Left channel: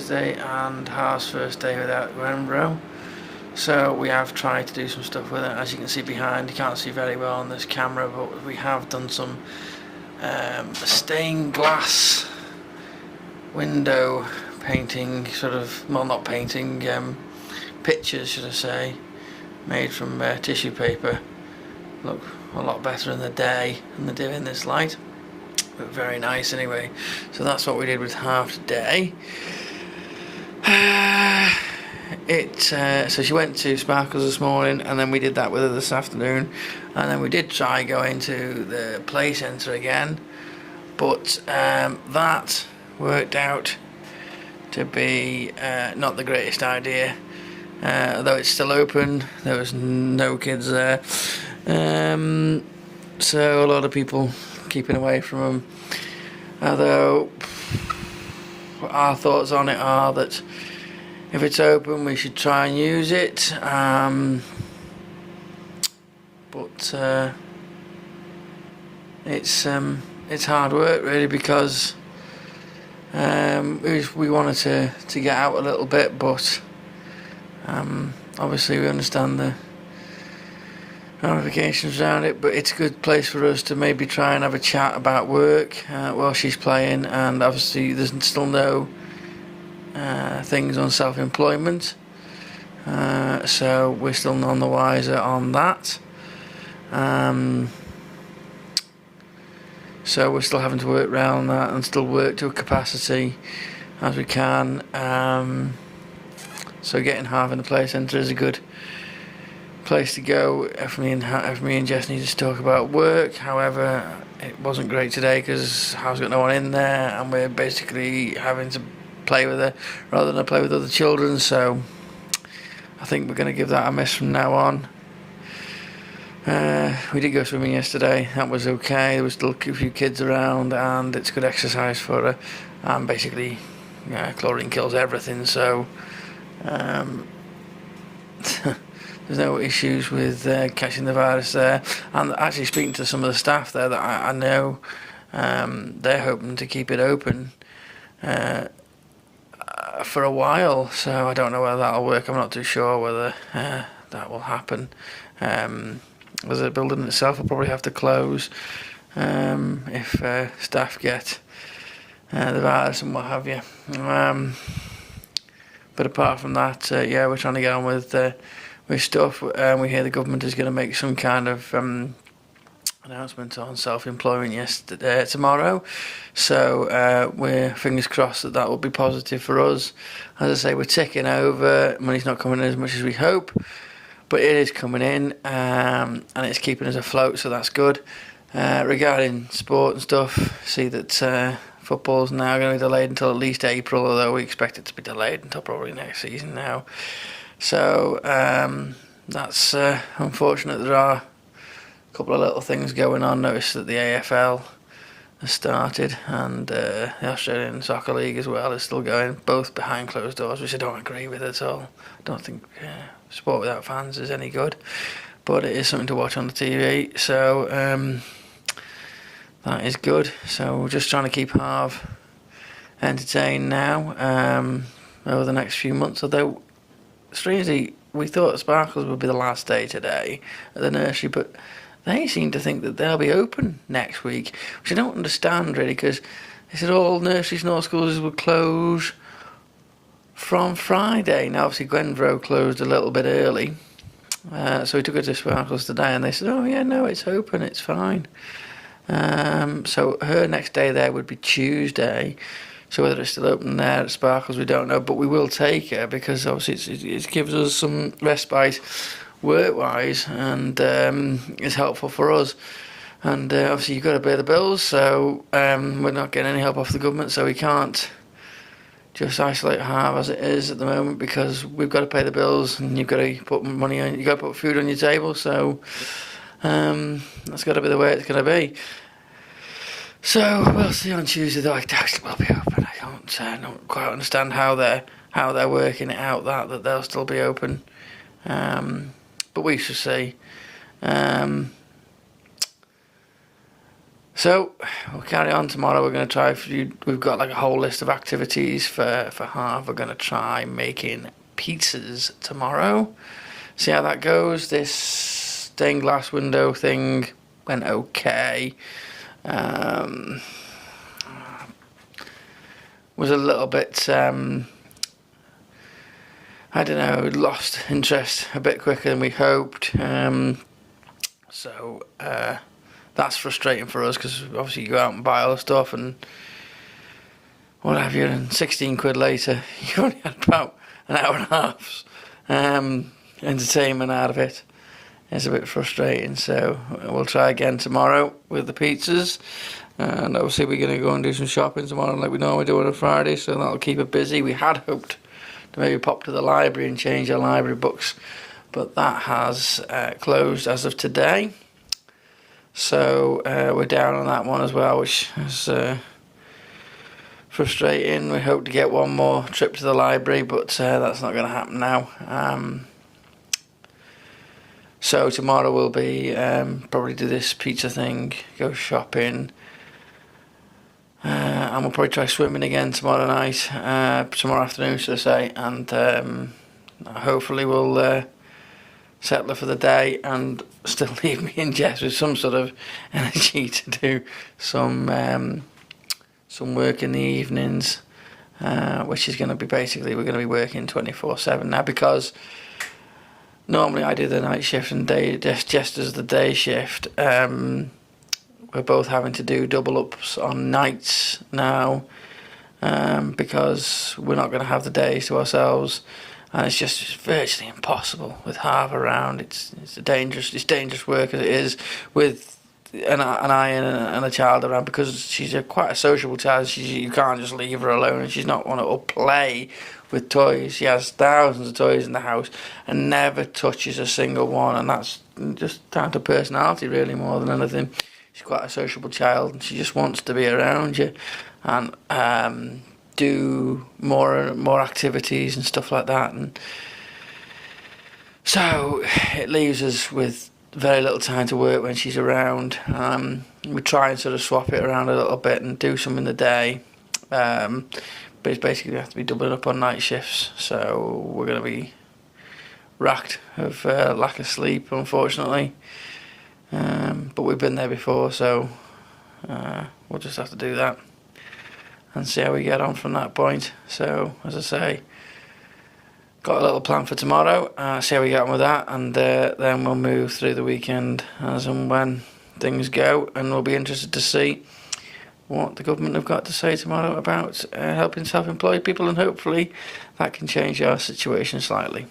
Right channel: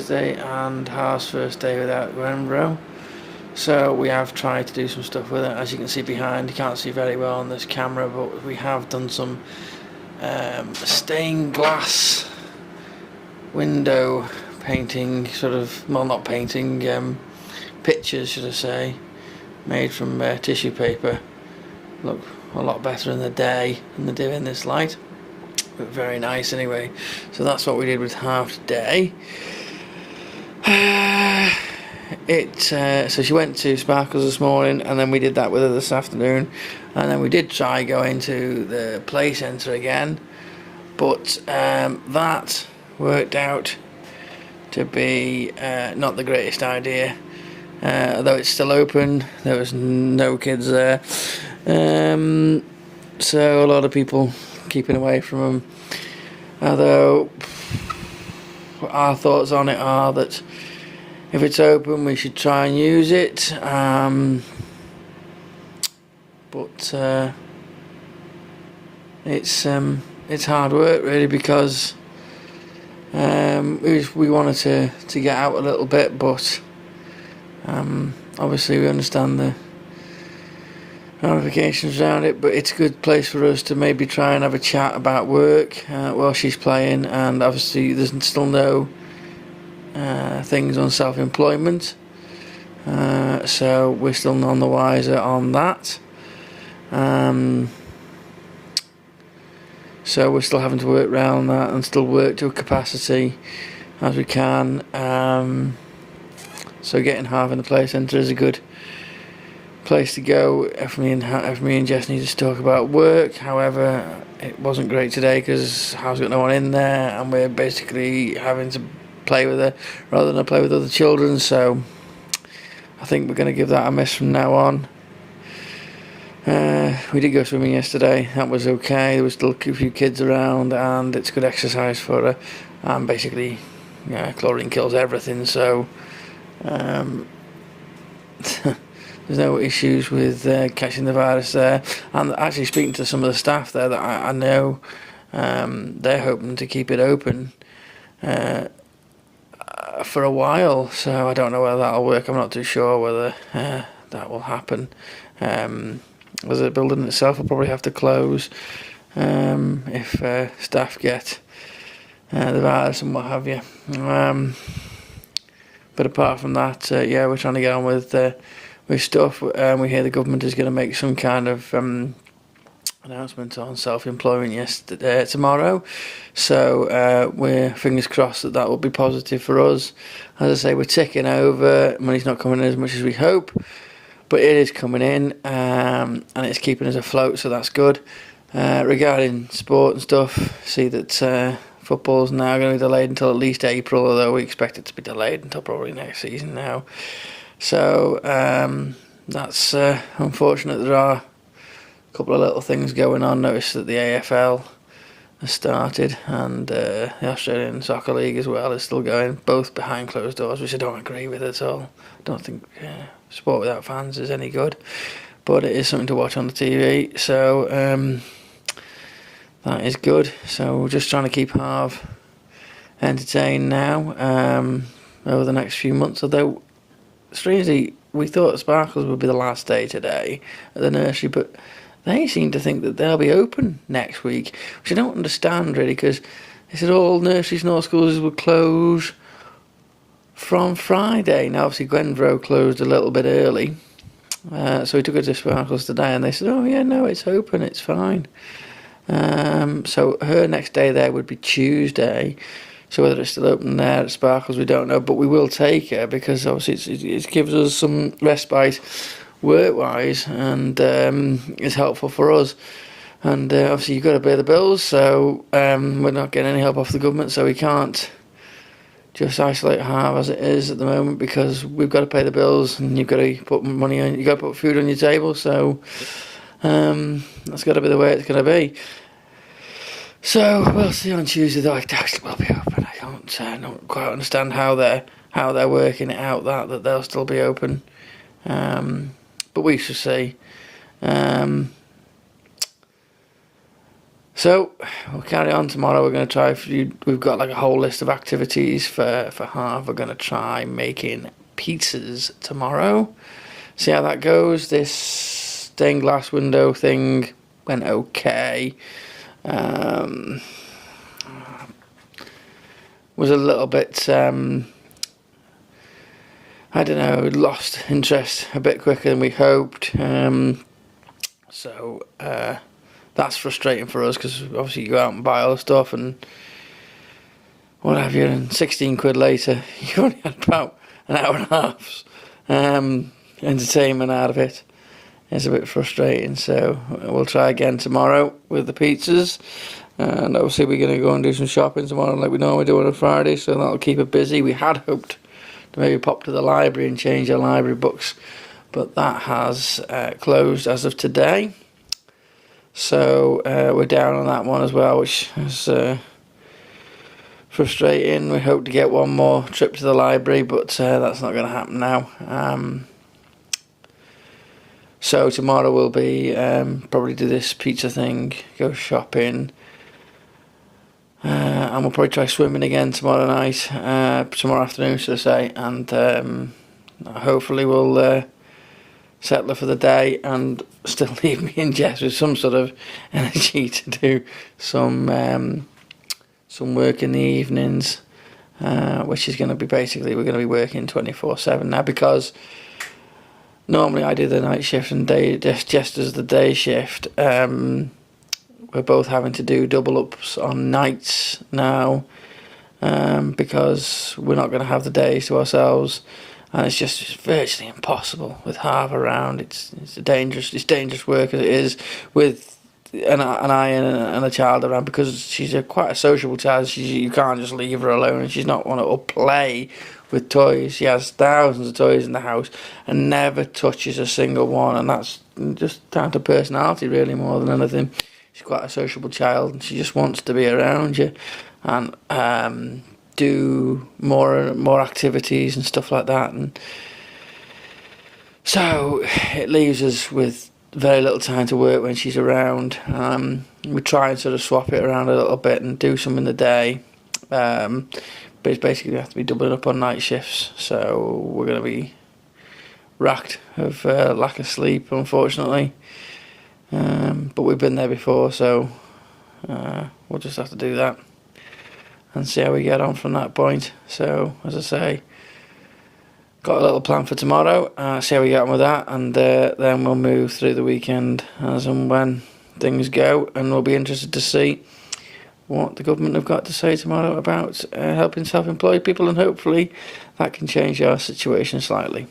Thursday and Har's first day without Gwenbro. So we have tried to do some stuff with it. As you can see behind, you can't see very well on this camera, but we have done some stained glass window painting, not painting, pictures should I say, made from tissue paper. Look a lot better in the day than they do in this light, but very nice anyway. So that's what we did with Half today. So she went to Sparkles this morning, and then we did that with her this afternoon, and then we did try going to the play centre again, but that worked out to be not the greatest idea. Though it's still open, there was no kids there, so a lot of people keeping away from them. Although our thoughts on it are that if it's open, we should try and use it. But it's hard work really, because we wanted to get out a little bit, but obviously we understand the ramifications around it. But it's a good place for us to maybe try and have a chat about work while she's playing, and obviously there's still no things on self-employment, so we're still none the wiser on that. So we're still having to work around that and still work to a capacity as we can. So getting Half in the play centre is a good place to go if me and Jess need to talk about work. However, it wasn't great today because Hal's got no one in there, and we're basically having to play with her rather than play with other children. So I think we're going to give that a miss from now on. We did go swimming yesterday. That was okay. There was still a few kids around, and it's good exercise for her. And basically, chlorine kills everything. So there's no issues with catching the virus there. And actually, speaking to some of the staff there that I know, they're hoping to keep it open for a while. So I don't know whether that'll work. I'm not too sure whether that will happen. As the building itself will probably have to close if staff get the virus and what have you. But apart from that, we're trying to get on with stuff. We hear the government is going to make some kind of announcement on self-employment tomorrow. So we're fingers crossed that will be positive for us. As I say, we're ticking over. Money's not coming in as much as we hope, but it is coming in, and it's keeping us afloat, so that's good. Regarding sport and stuff, see that football's now going to be delayed until at least April, although we expect it to be delayed until probably next season now. So that's unfortunate. There are a couple of little things going on. Notice that the AFL has started, and the Australian Soccer League as well is still going, both behind closed doors, which I don't agree with at all. I don't think sport without fans is any good, but it is something to watch on the TV, so that is good. So we're just trying to keep Harv entertained now over the next few months, although strangely we thought Sparkles would be the last day today at the nursery, but they seem to think that they'll be open next week, which I don't understand really, because they said all nurseries and all schools would close from Friday. Now obviously Gwenbro closed a little bit early, so we took her to Sparkles today, and they said, oh yeah, no, it's open, it's fine. So her next day there would be Tuesday. So whether it's still open there at Sparkles, we don't know, but we will take her because obviously it gives us some respite work-wise, and it's helpful for us. And obviously you've got to pay the bills, so we're not getting any help off the government, so we can't just isolate Harv as it is at the moment, because we've got to pay the bills, and you've got to put money on, you've got to put food on your table. So that's got to be the way it's going to be. So we'll see on Tuesday, though. It actually will be open. I don't quite understand how they're working it out that they'll still be open, but we shall see. So we'll carry on tomorrow. We're going to try. We've got like a whole list of activities for half. We're going to try making pizzas tomorrow. See how that goes. This stained glass window thing went okay. Was a little bit. I don't know. Lost interest a bit quicker than we hoped. So that's frustrating for us because obviously you go out and buy all the stuff and what have you, and 16 quid later you only had about an hour and a half's entertainment out of it. It's a bit frustrating, so we'll try again tomorrow with the pizzas, and obviously we're going to go and do some shopping tomorrow like we normally do on a Friday, so that'll keep it busy. We had hoped to maybe pop to the library and change our library books, but that has closed as of today. So we're down on that one as well, which is frustrating. We hope to get one more trip to the library, but that's not going to happen now. So tomorrow we'll be probably do this pizza thing, go shopping, and we'll probably try swimming again tomorrow night, tomorrow afternoon, should I say, and hopefully we'll settle for the day and still leave me and Jess with some sort of energy to do some work in the evenings, which is going to be basically, we're going to be working 24/7 now, because normally I do the night shift and Jess does the day shift. We're both having to do double ups on nights now, because we're not going to have the days to ourselves. And it's just virtually impossible with Harv around. It's dangerous work as it is with an eye and a child around, because she's quite a sociable child. You can't just leave her alone, and she's not want to play with toys. She has thousands of toys in the house and never touches a single one, and that's just down to personality really more than anything. She's quite a sociable child, and she just wants to be around you and do more activities and stuff like that, and so it leaves us with very little time to work when she's around. We try and sort of swap it around a little bit and do some in the day, but it's basically we have to be doubling up on night shifts, so we're going to be racked of lack of sleep, unfortunately, but we've been there before, so we'll just have to do that and see how we get on from that point. So, as I say, got a little plan for tomorrow, see how we get on with that, and then we'll move through the weekend as and when things go, and we'll be interested to see what the government have got to say tomorrow about helping self-employed people, and hopefully that can change our situation slightly.